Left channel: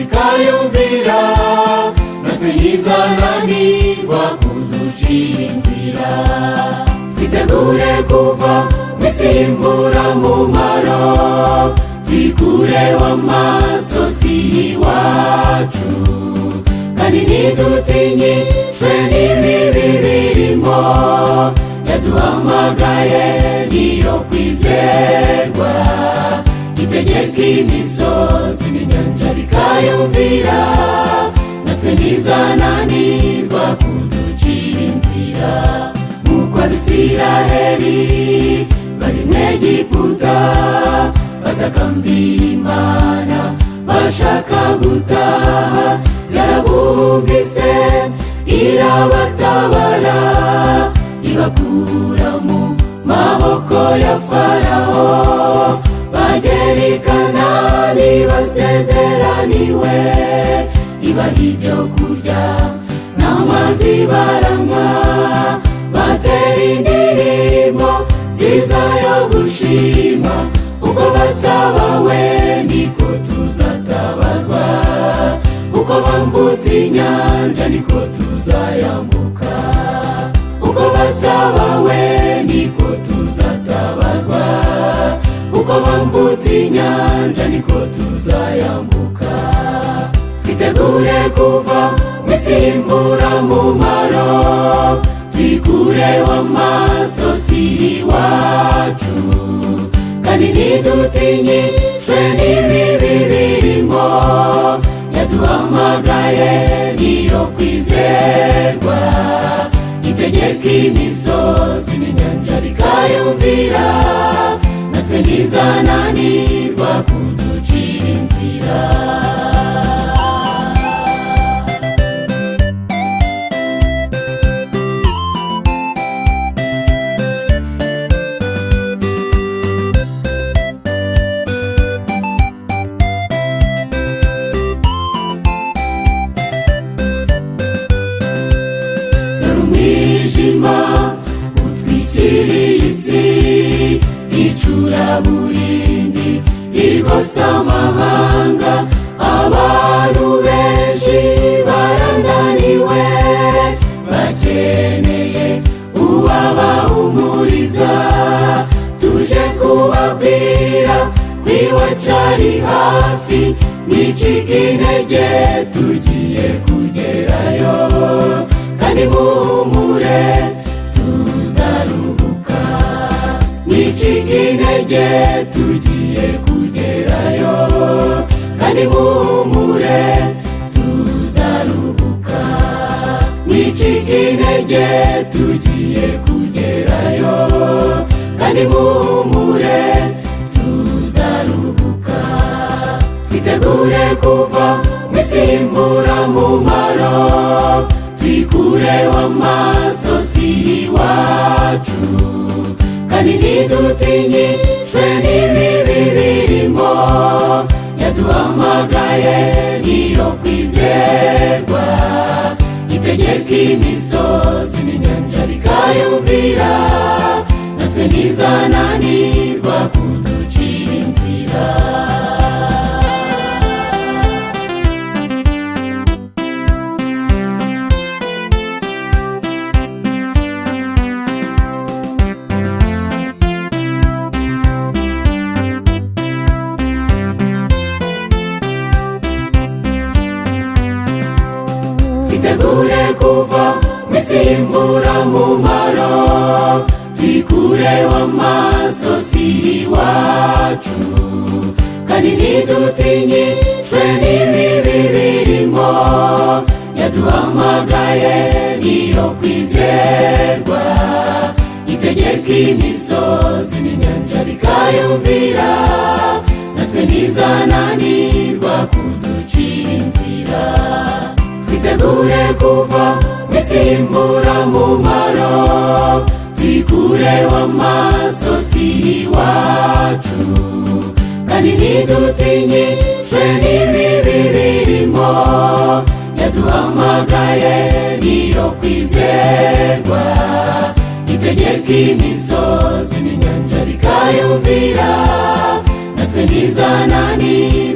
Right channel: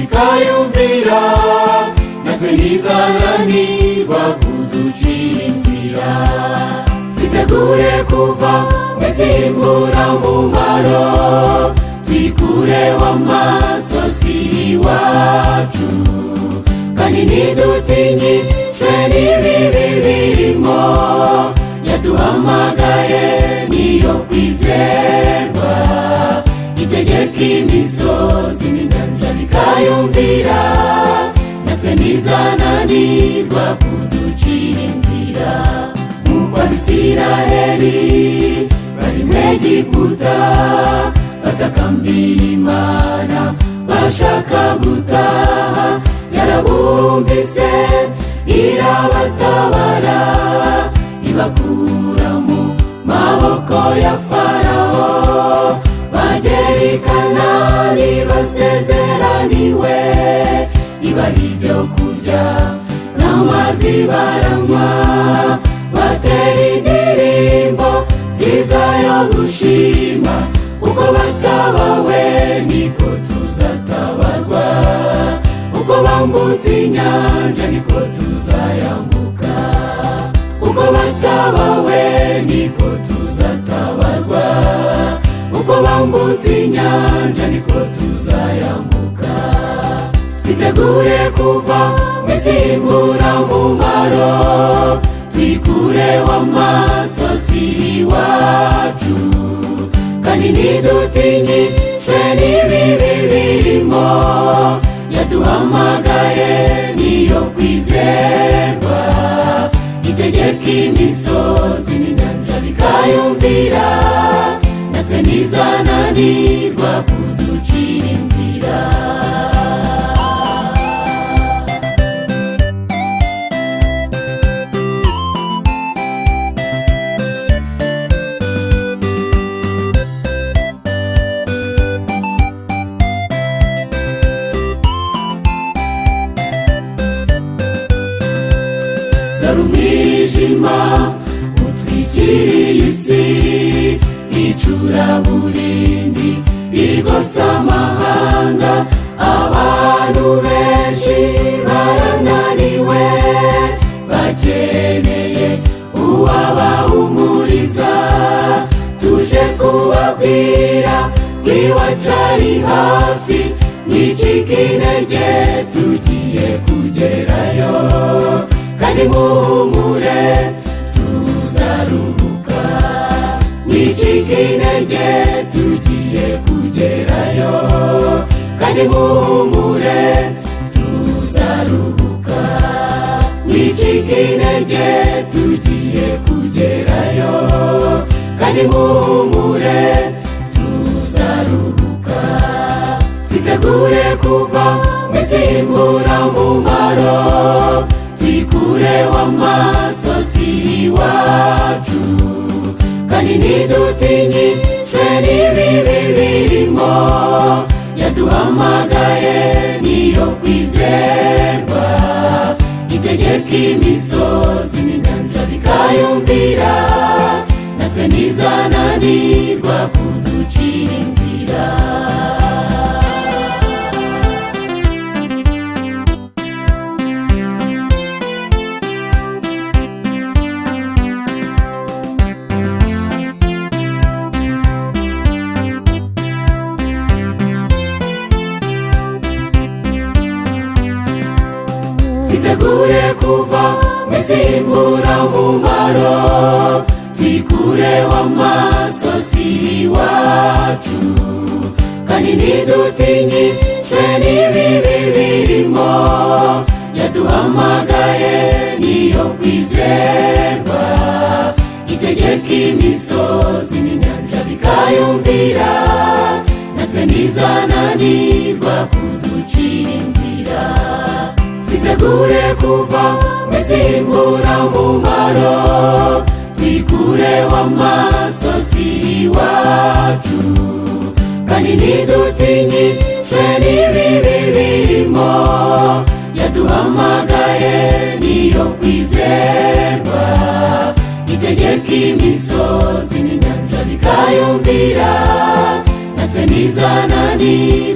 bikayumvira, natwe ntizananirwa kuducira inzira. Twitegure kuva mw'isi y'imburamumaro, twikureho amasozi y'iwacu, kandi ntidutinyishwe n'ibibi birimo. Yaduhamagaye niyo kwizerwa, itegeka imisozi n'inyanja bikayumvira, natwe ntizananirwa kuducira inzira. Nk'uko Abisiraheli bari mu Egiputa, batakambira Imana bashaka gutaha, yarabumvise irabatabara, ibakura mu maboko ya Farawo. Bagera i Kanani basezeraniwe, ibaha ibyo kurya n'amazi baranywa, batera indirimbo nziza yo gushima. Uko batabawe niko tuzatabarwa, uko bambutse inyanja niko tuzayambuka. Uko batabawe niko tuzatabarwa, uko bambutse inyanja niko tuzayambuka. Twitegure kuva mw'isi y'imburamumaro, twikureho amasozi y'iwacu, kandi ntidutinyishwe n'ibibi birimo. Yaduhamagaye niyo kwizerwa, itegeka imisozi n'inyanja bikayumvira, natwe ntizananirwa kuducira inzira. Umwijima utwikiriye isi, icuraburindi rigose amahanga. Abantu benshi barananiwe, bakeneye uwabahumuriza. Tuje kubabwira ko iwacu ari hafi, mwicike intege tugiye kugerayo, kandi muhumure tuzaruhuka. Mwicike intege tugiye kugerayo, kandi muhumure tuzaruhuka. Mwicike intege tugiye kugerayo, kandi muhumure tuzaruhuka. Twitegure kuva mw'isi y'imburamumaro, twikureho amasozi y'iwacu, kandi ntidutinyishwe n'ibibi birimo. Yaduhamagaye niyo kwizerwa, itegeka imisozi n'inyanja bikayumvira, natwe ntizananirwa kuducira inzira. Twitegure kuva mw'isi y'imburamumaro, twikureho amasozi y'iwacu, kandi ntidutinyishwe n'ibibi birimo. Yaduhamagaye niyo kwizerwa, itegeka imisozi n'inyanja bikayumvira, natwe ntizananirwa kuducira inzira. Twitegure kuva mw'isi y'imburamumaro, twikureho amasozi y'iwacu, kandi ntidutinyishwe n'ibibi birimo. Yaduhamagaye niyo kwizerwa, itegeka imisozi n'inyanja bikayumvira, natwe ntizananirwa